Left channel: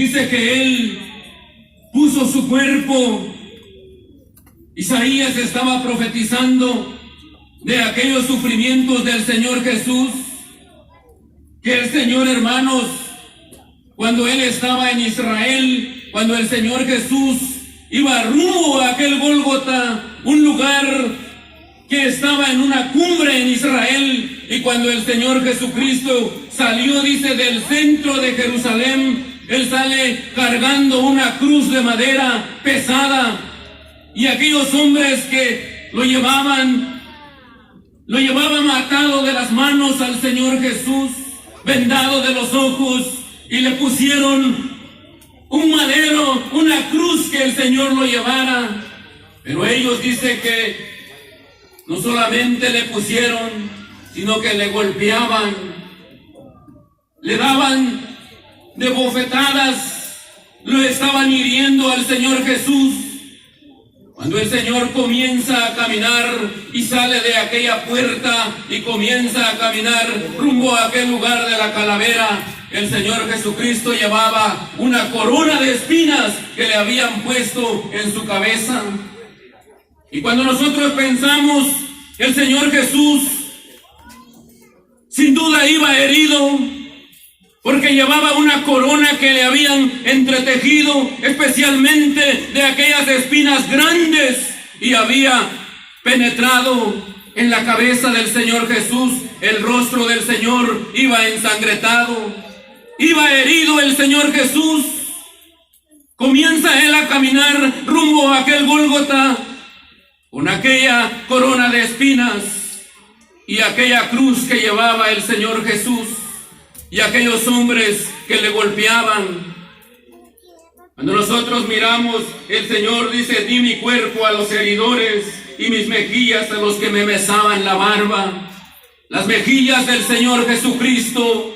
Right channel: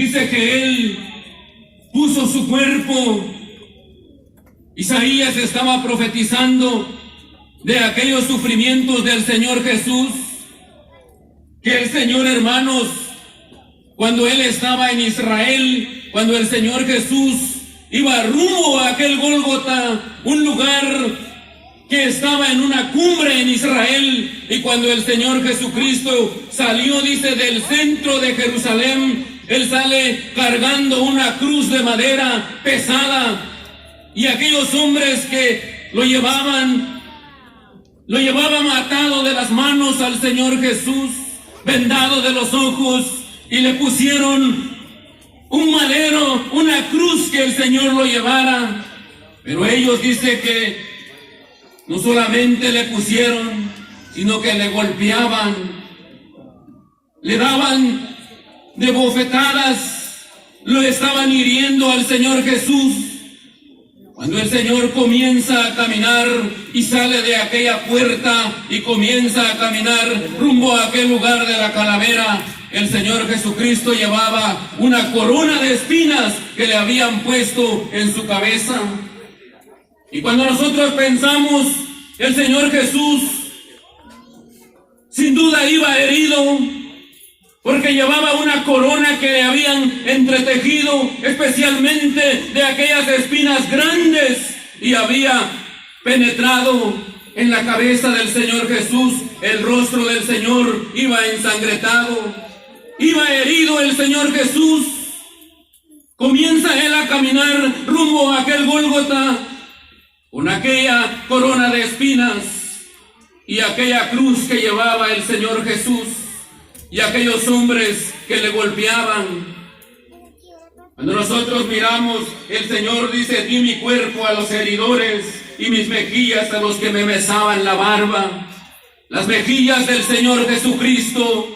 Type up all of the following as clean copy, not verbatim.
dice que Él puso su cuerpo. Isaías estaba profetizando de aquellos sufrimientos del Señor Jesús, que el Señor, hermanos, cuando Él estaba en Israel, cuando el Señor Jesús iba rumbo a aquel Gólgota, un lugar que estaba en una cumbre en Israel, y cuando el Señor Jesucristo salió, dice, del centro de Jerusalén, Él sale cargando una cruz de madera pesada, y aquellos hombres que lo llevaban atado de las manos al Señor Jesús, vendado de los ojos, y le pusieron un madero, una cruz que el Señor lo llevara. Pero ellos dicen que no solamente le pusieron, sino que le golpeaban, le daban de bofetadas, lo estaban hiriendo al Señor Jesús. Cuando el Señor comienza a caminar y sale de aquella puerta y comienza a caminar rumbo a aquel lugar de la calavera, el Señor Jesucristo llevaba una corona de espinas que le habían puesto en su cabeza. Y cuando nosotros pensamos, el Señor Jesús sin duda iba herido, porque llevaba una corona que le habían entretejido especialmente de aquellas espinas grandes, y había penetrado en la cabeza del Señor Jesús. El rostro del Señor iba ensangretado, iba herido el Señor Jesús. Comienza Él a caminar rumbo a aquel Gólgota con aquella corona de espinas y aquella cruz que llevaba el Señor Jesús, y aquellos hombres que le golpeaban. Cuando nosotros miramos, el Señor dice: di mi cuerpo a los heridores y mis mejillas a los que me mesaban la barba. Las mejillas del Señor Jesucristo.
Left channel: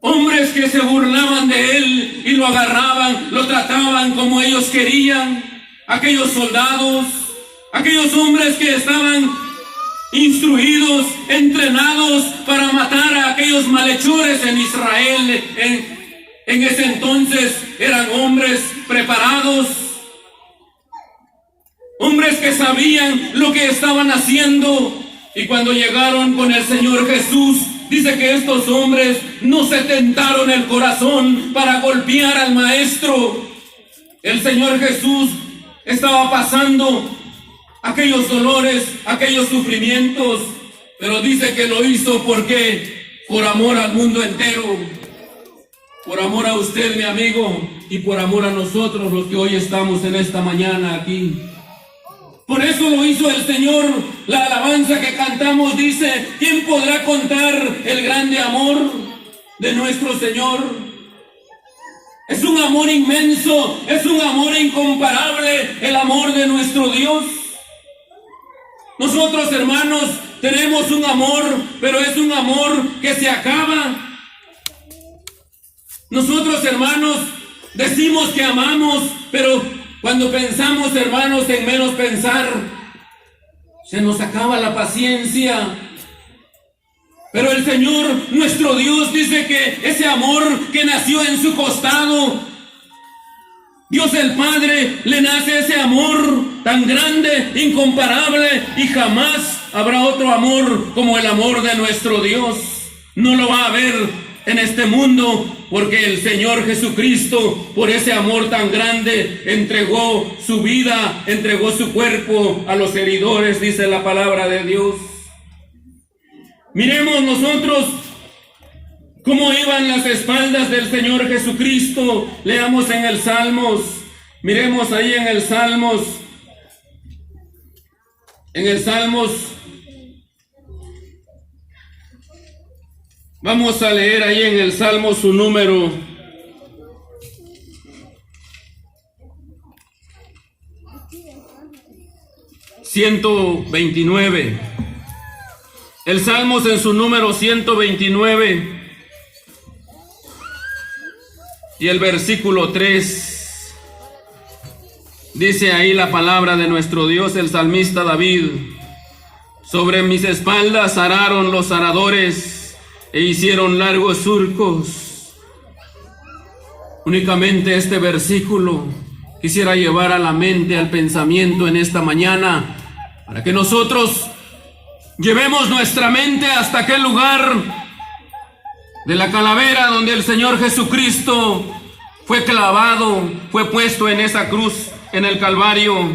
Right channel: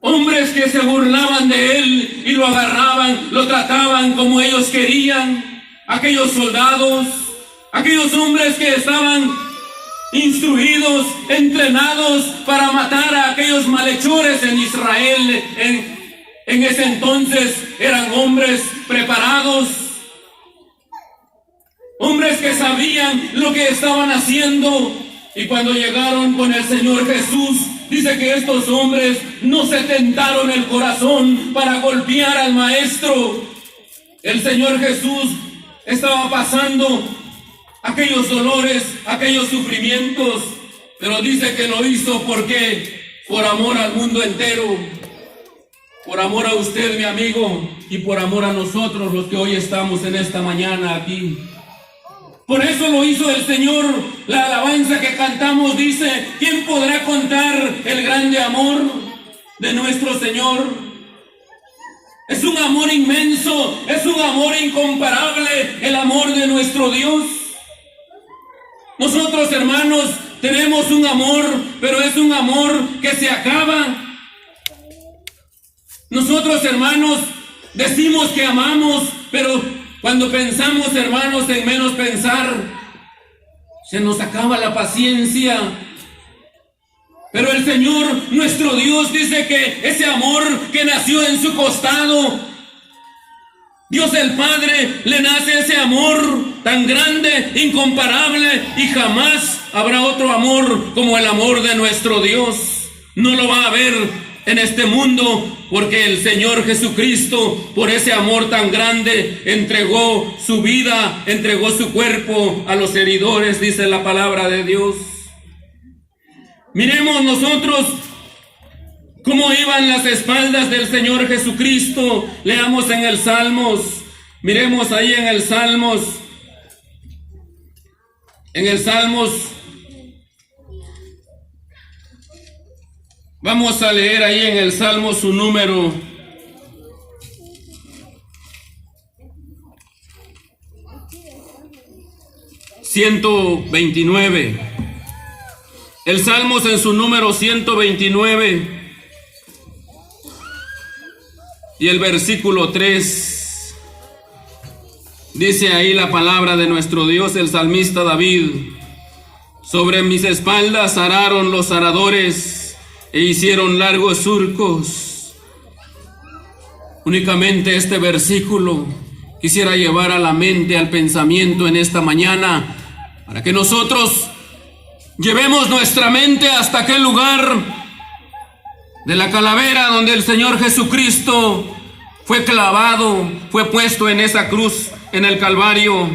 Hombres que se burlaban de Él y lo agarraban, lo trataban como ellos querían. Aquellos soldados, aquellos hombres que estaban instruidos, entrenados para matar a aquellos malhechores en Israel. En ese entonces eran hombres preparados, hombres que sabían lo que estaban haciendo. Y cuando llegaron con el Señor Jesús, dice que estos hombres no se tentaron el corazón para golpear al Maestro. El Señor Jesús estaba pasando aquellos dolores, aquellos sufrimientos, pero dice que lo hizo porque por amor al mundo entero, por amor a usted, mi amigo, y por amor a nosotros los que hoy estamos en esta mañana aquí. Por eso lo hizo el Señor. La alabanza que cantamos dice: ¿quién podrá contar el grande amor de nuestro Señor? Es un amor inmenso, es un amor incomparable, el amor de nuestro Dios. Nosotros, hermanos, tenemos un amor, pero es un amor que se acaba. Nosotros, hermanos, decimos que amamos, pero cuando pensamos, hermanos, en menos pensar, se nos acaba la paciencia. Pero el Señor, nuestro Dios, dice que ese amor que nació en su costado, Dios el Padre, le nace ese amor tan grande, incomparable, y jamás habrá otro amor como el amor de nuestro Dios. No lo va a haber en este mundo, porque el Señor Jesucristo, por ese amor tan grande, entregó su vida, entregó su cuerpo a los heridores, dice la palabra de Dios. Miremos nosotros cómo iban las espaldas del Señor Jesucristo. Leamos en el Salmos, miremos ahí en el Salmos, vamos a leer ahí en el Salmo su número 129. El Salmos en su número 129 y el versículo 3. Dice ahí la palabra de nuestro Dios, el salmista David: sobre mis espaldas araron los aradores e hicieron largos surcos. Únicamente este versículo quisiera llevar a la mente, al pensamiento en esta mañana, para que nosotros llevemos nuestra mente hasta aquel lugar de la calavera donde el Señor Jesucristo fue clavado, fue puesto en esa cruz, en el Calvario.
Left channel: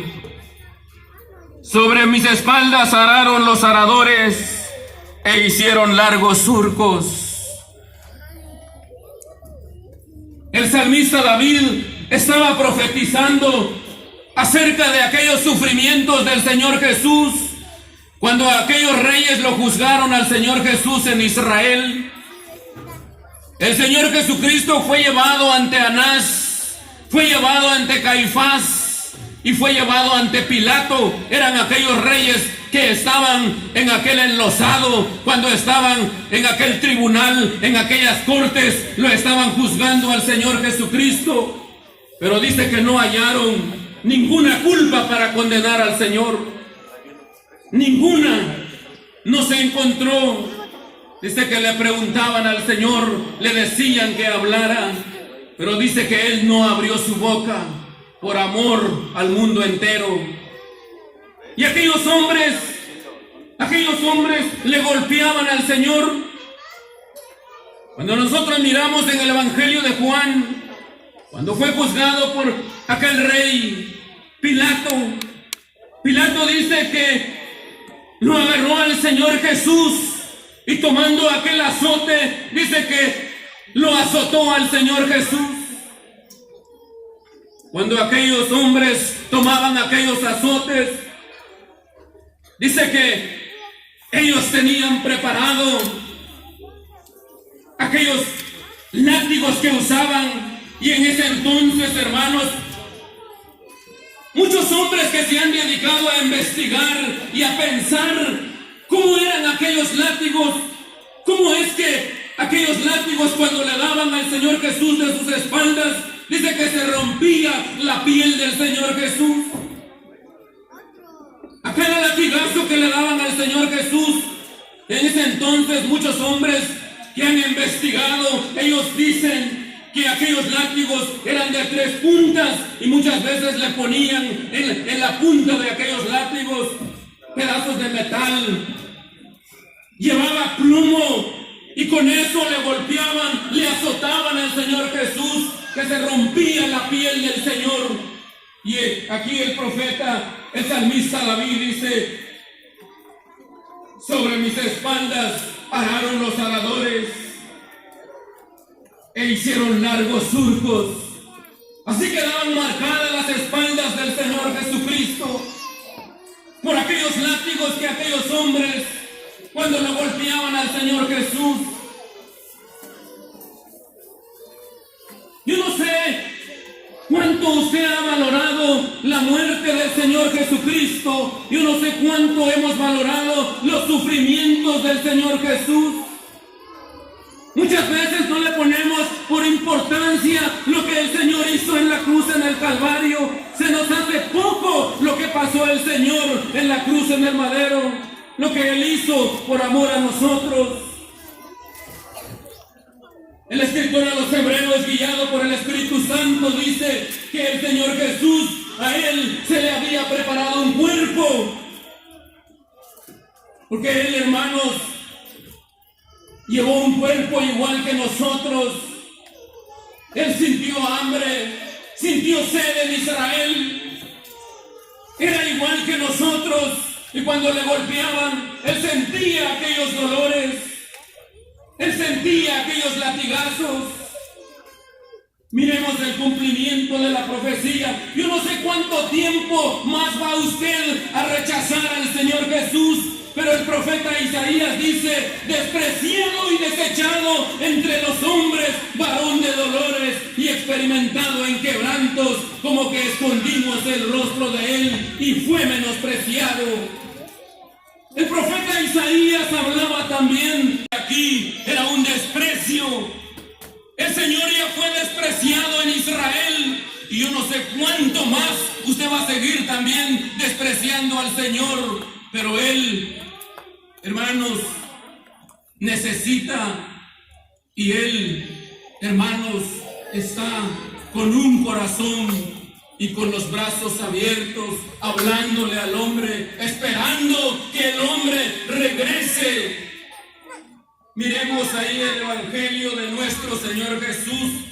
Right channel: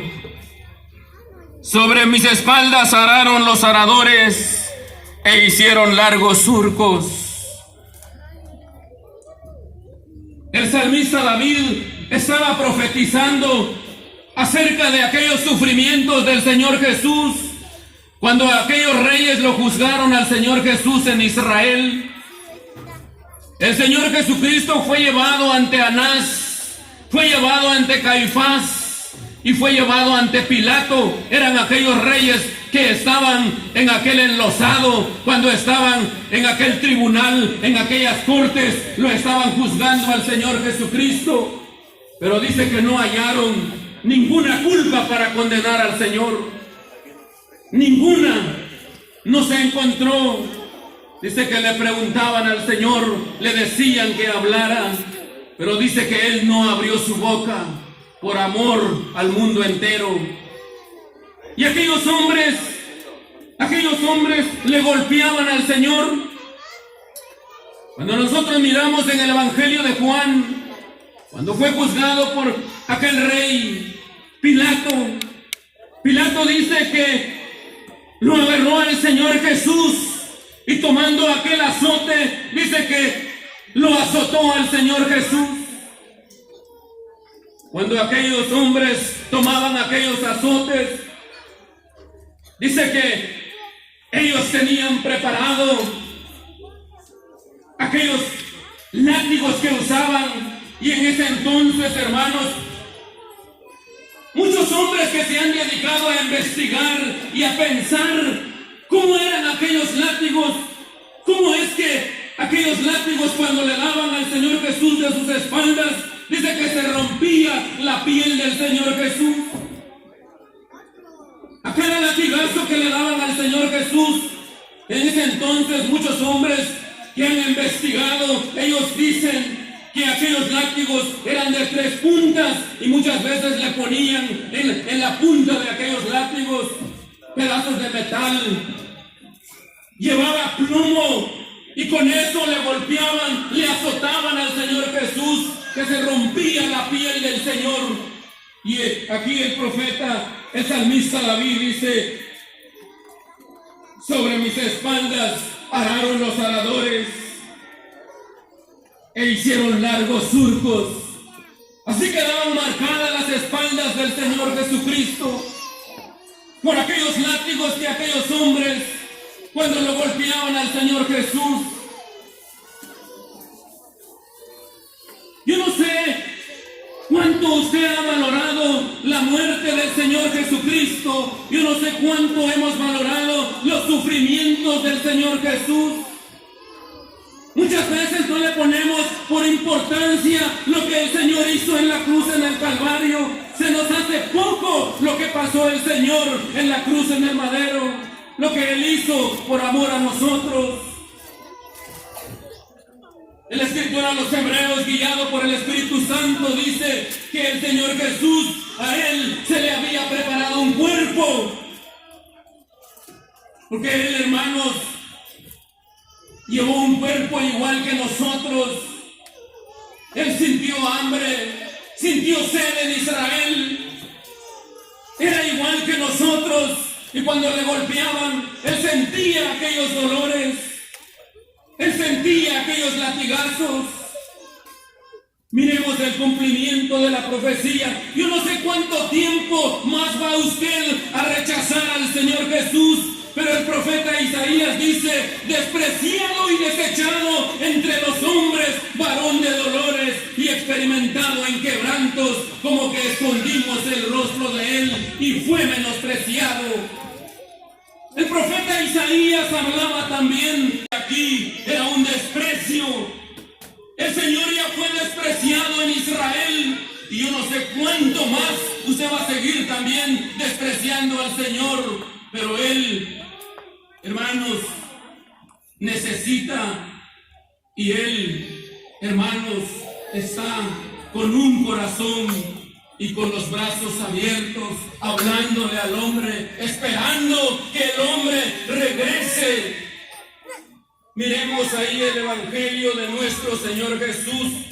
Sobre mis espaldas araron los aradores e hicieron largos surcos. El salmista David estaba profetizando acerca de aquellos sufrimientos del Señor Jesús, cuando aquellos reyes lo juzgaron al Señor Jesús en Israel. El Señor Jesucristo fue llevado ante Anás, fue llevado ante Caifás y fue llevado ante Pilato. Eran aquellos reyes que estaban en aquel enlosado, cuando estaban en aquel tribunal, en aquellas cortes, lo estaban juzgando al Señor Jesucristo. Pero dice que no hallaron ninguna culpa para condenar al Señor. Ninguna. No se encontró. Dice que le preguntaban al Señor, le decían que hablara, pero dice que Él no abrió su boca por amor al mundo entero. Y aquellos hombres le golpeaban al Señor. Cuando nosotros miramos en el Evangelio de Juan, cuando fue juzgado por aquel rey Pilato dice que lo agarró al Señor Jesús y tomando aquel azote, dice que lo azotó al Señor Jesús. Cuando aquellos hombres tomaban aquellos azotes, dice que ellos tenían preparado aquellos látigos que usaban, y en ese entonces, hermanos, muchos hombres que se han dedicado a investigar y a pensar cómo eran aquellos látigos, cómo es que aquellos látigos cuando le daban al Señor Jesús de sus espaldas, dice que se rompía la piel del Señor Jesús. Aquel latigazo que le daban al Señor Jesús, en ese entonces muchos hombres que han investigado, ellos dicen que aquellos látigos eran de 3 puntas y muchas veces le ponían en la punta de aquellos látigos pedazos de metal. Llevaba plomo y con eso le golpeaban, le azotaban al Señor Jesús, que se rompía la piel del Señor. Y aquí el profeta, el salmista David dice: sobre mis espaldas araron los aradores e hicieron largos surcos. Así quedaban marcadas las espaldas del Señor Jesucristo por aquellos látigos que aquellos hombres, cuando lo golpeaban al Señor Jesús. Yo no sé cuánto usted ha valorado la muerte del Señor Jesucristo. Yo no sé cuánto hemos valorado los sufrimientos del Señor Jesús. Muchas veces no le ponemos por importancia lo que el Señor hizo en la cruz, en el Calvario. Se nos hace poco lo que pasó el Señor en la cruz, en el madero, lo que Él hizo por amor a nosotros. El escritor a los Hebreos, guiado por el Espíritu Santo, dice que el Señor Jesús, a Él se le había preparado un cuerpo. Porque Él, hermanos, llevó un cuerpo igual que nosotros. Él sintió hambre, sintió sed en Israel. Era igual que nosotros. Y cuando le golpeaban, Él sentía aquellos dolores. Él sentía aquellos latigazos. Miremos el cumplimiento de la profecía. Yo no sé cuánto tiempo más va usted a rechazar al Señor Jesús. Pero el profeta Isaías dice: despreciado y desechado entre los hombres, varón de dolores y experimentado en quebrantos, como que escondimos el rostro de Él y fue menospreciado. El profeta Isaías hablaba también, aquí era un desprecio. El Señor ya fue despreciado en Israel y yo no sé cuánto más usted va a seguir también despreciando al Señor. Pero Él, hermanos, necesita, y Él, hermanos, está con un corazón y con los brazos abiertos, hablándole al hombre, esperando que el hombre regrese. Miremos ahí el Evangelio de nuestro Señor Jesús,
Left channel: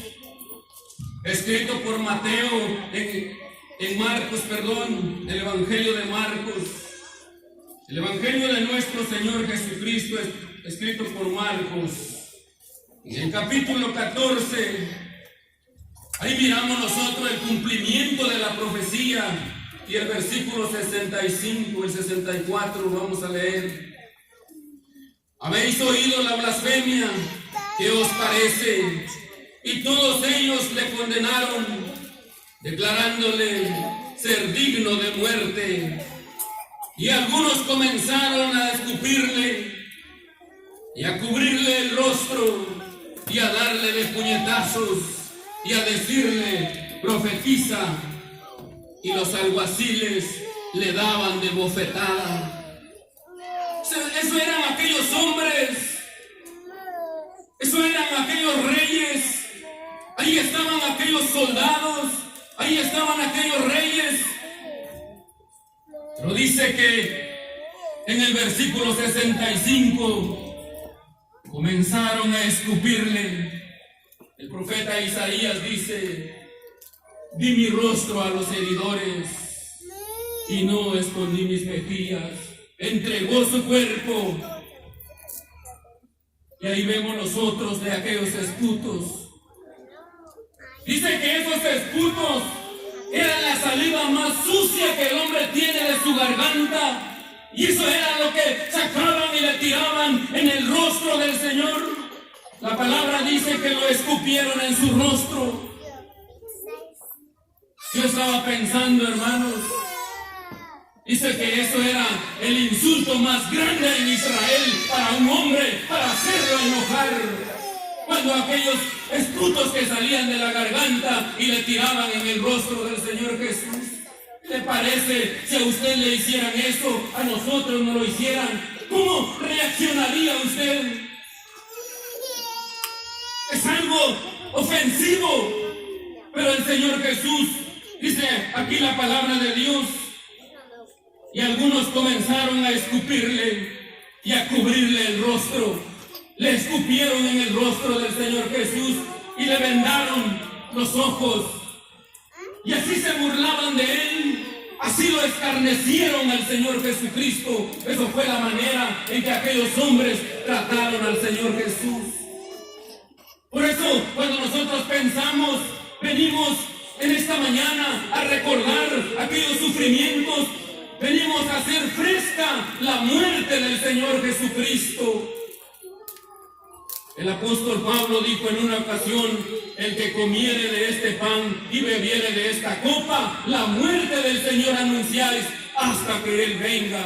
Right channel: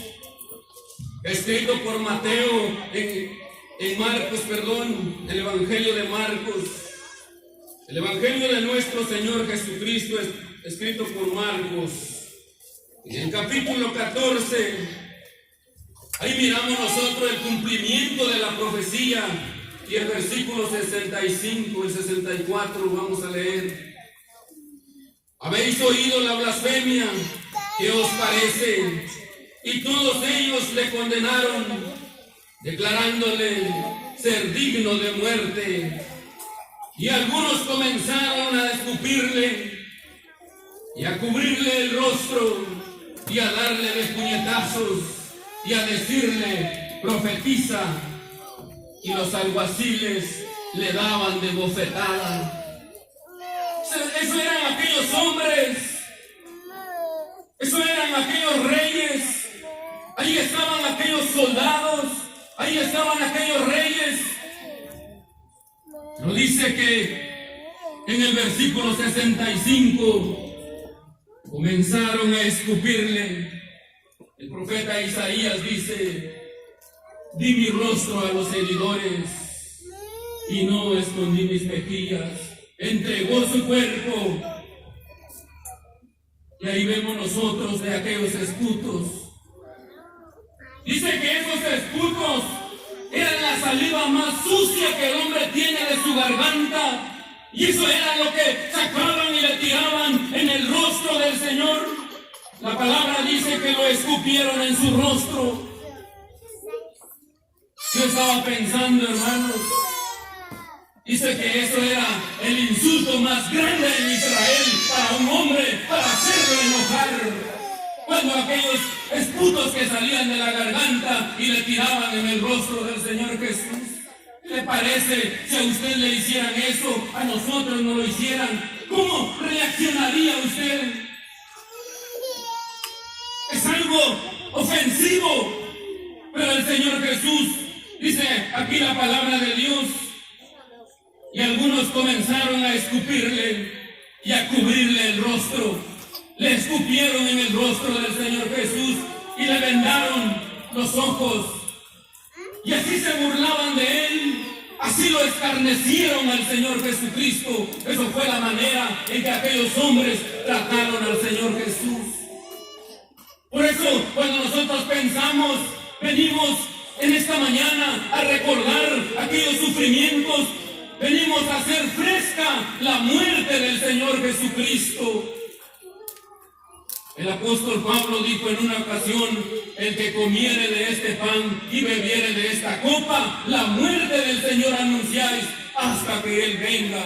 escrito por Mateo en Marcos, el Evangelio de Marcos. El Evangelio de nuestro Señor Jesucristo es escrito por Marcos. En el capítulo 14, ahí miramos nosotros el cumplimiento de la profecía y el versículo 65 y 64 vamos a leer. Habéis oído la blasfemia, ¿qué os parece? Y todos ellos le condenaron, declarándole ser digno de muerte. Y algunos comenzaron a escupirle y a cubrirle el rostro y a darle de puñetazos y a decirle, profetiza. Y los alguaciles le daban de bofetada. Eso eran aquellos hombres, eso eran aquellos reyes, ahí estaban aquellos soldados, ahí estaban aquellos reyes. Pero dice que en el versículo 65 comenzaron a escupirle. El profeta Isaías dice, di mi rostro a los heridores y no escondí mis mejillas. Entregó su cuerpo. Y ahí vemos nosotros de aquellos esputos. Dice que esos esputos eran la saliva más sucia que el hombre tiene de su garganta. Y eso era lo que sacaban y le tiraban en el rostro del Señor. La palabra dice que lo escupieron en su rostro. Yo estaba pensando, hermanos, dice que eso era el insulto más grande en Israel para un hombre, para hacerlo enojar. Cuando aquellos esputos que salían de la garganta y le tiraban en el rostro del Señor Jesús. ¿Qué le parece si a usted le hicieran eso, a nosotros no lo hicieran? ¿Cómo reaccionaría usted? Es algo ofensivo, pero el Señor Jesús, dice aquí la palabra de Dios, y algunos comenzaron a escupirle y a cubrirle el rostro. Le escupieron en el rostro del Señor Jesús y le vendaron los ojos. Y así se burlaban de él, así lo escarnecieron al Señor Jesucristo. Eso fue la manera en que aquellos hombres trataron al Señor Jesús. Por eso, cuando nosotros pensamos, venimos en esta mañana a recordar aquellos sufrimientos, venimos a hacer fresca la muerte del Señor Jesucristo. El apóstol Pablo dijo en una ocasión, el que comiere de este pan y bebiere de esta copa, la muerte del Señor anunciáis hasta que Él venga.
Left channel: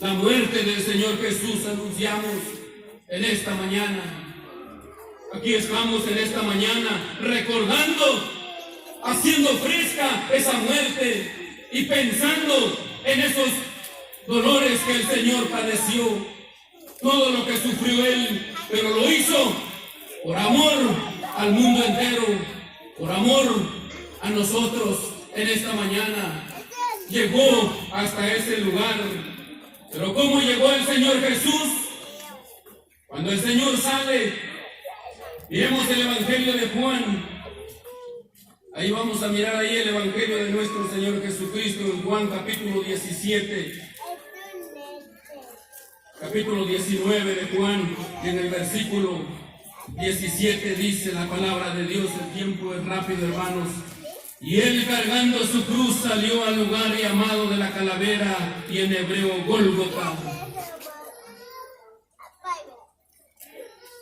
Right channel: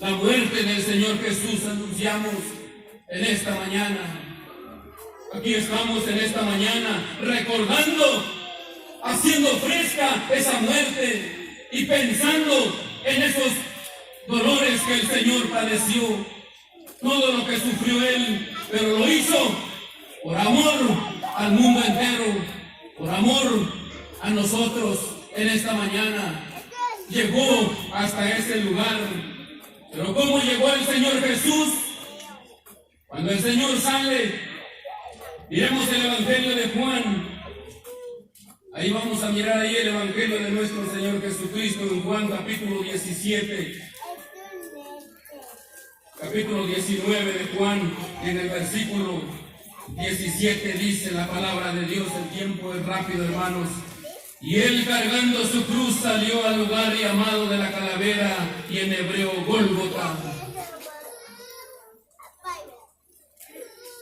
La muerte del Señor Jesús anunciamos en esta mañana. Aquí estamos en esta mañana recordando, haciendo fresca esa muerte y pensando en esos dolores que el Señor padeció. Todo lo que sufrió Él, pero lo hizo por amor al mundo entero, por amor a nosotros en esta mañana. Llegó hasta ese lugar. Pero ¿cómo llegó el Señor Jesús? Cuando el Señor sale, miremos el Evangelio de Juan. Ahí vamos a mirar ahí el Evangelio de nuestro Señor Jesucristo en Juan capítulo 17. Capítulo 19 de Juan, en el versículo 17 dice la palabra de Dios. El tiempo es rápido, hermanos. Y él cargando su cruz salió al lugar llamado de la calavera, y en hebreo Gólgota.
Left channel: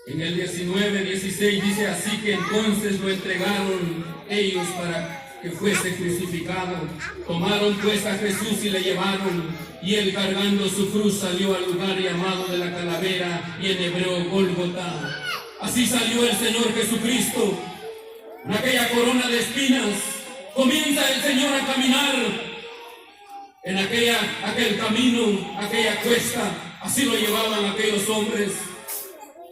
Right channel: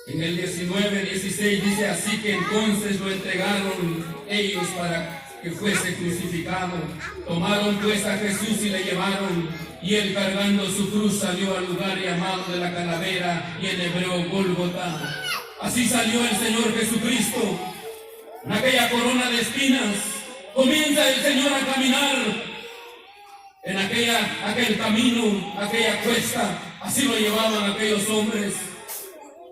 En el 19:16 dice, así que entonces lo entregaron ellos para que fuese crucificado. Tomaron pues a Jesús y le llevaron, y él cargando su cruz salió al lugar llamado de la calavera, y en hebreo Gólgota. Así salió el Señor Jesucristo, en aquella corona de espinas. Comienza el Señor a caminar en aquel camino, aquella cuesta. Así lo llevaban aquellos hombres,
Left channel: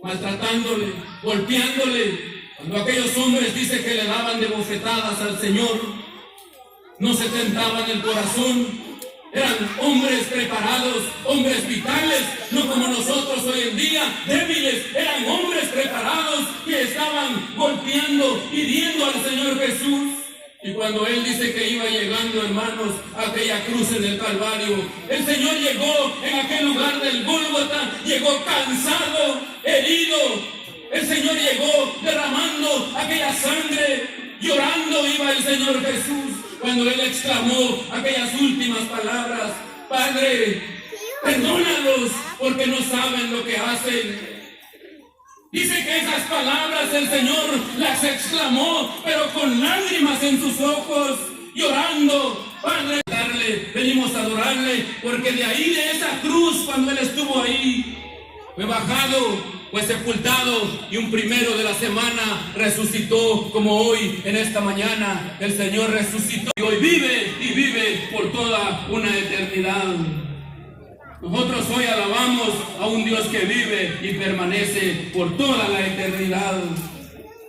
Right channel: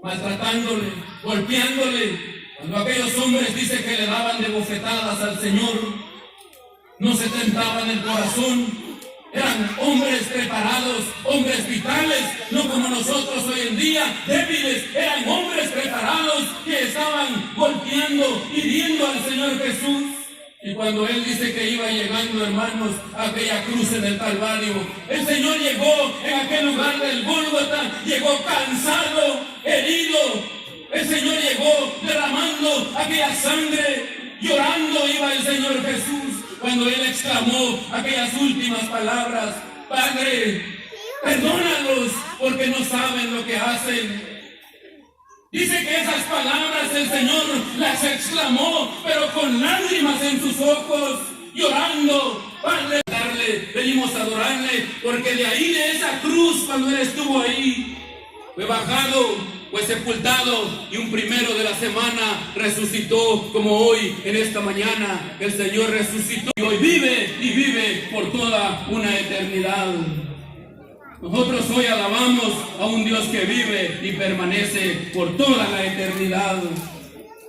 maltratándole, golpeándole, Cuando aquellos hombres dice que le daban de bofetadas al Señor, no se tentaban el corazón. Eran hombres preparados, hombres vitales, no como nosotros hoy en día, débiles. Eran hombres preparados que estaban golpeando, hiriendo al Señor Jesús. Y cuando Él dice que iba llegando, hermanos, a aquella cruz en el Calvario, el Señor llegó en aquel lugar del Gólgota, llegó cansado, herido. El Señor llegó derramando aquella sangre, llorando iba el Señor Jesús. Cuando Él exclamó aquellas últimas palabras: Padre, perdónalos porque no saben lo que hacen. Dice que esas palabras el Señor las exclamó, pero con lágrimas en sus ojos, llorando. Padre, venimos a adorarle, porque de ahí, de esa cruz, cuando Él estuvo ahí, fue bajado, fue sepultado, y un primero de la semana resucitó, como hoy, en esta mañana, el Señor resucitó, y hoy vive, y vive por toda una eternidad. Nosotros hoy alabamos a un Dios que vive y permanece por toda la eternidad.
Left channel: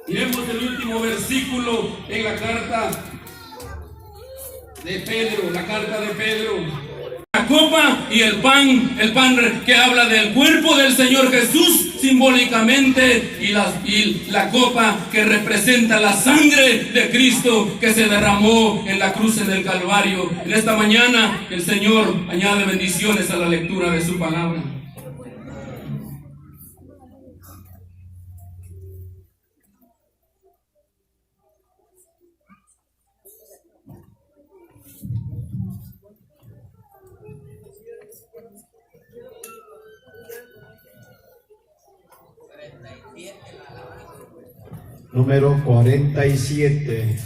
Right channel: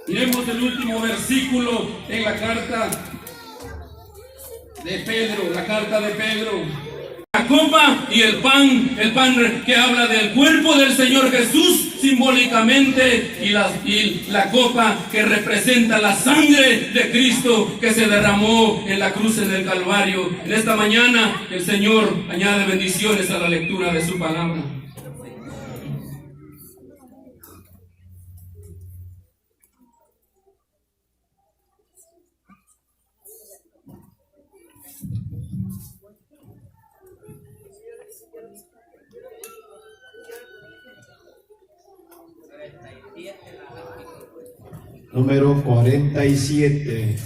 Miremos el último versículo en la carta de Pedro, la carta de Pedro. La copa y el pan que habla del cuerpo del Señor Jesús simbólicamente, y la copa que representa la sangre de Cristo que se derramó en la cruz en el Calvario. En esta mañana el Señor añade bendiciones a la lectura de su palabra. Número 47.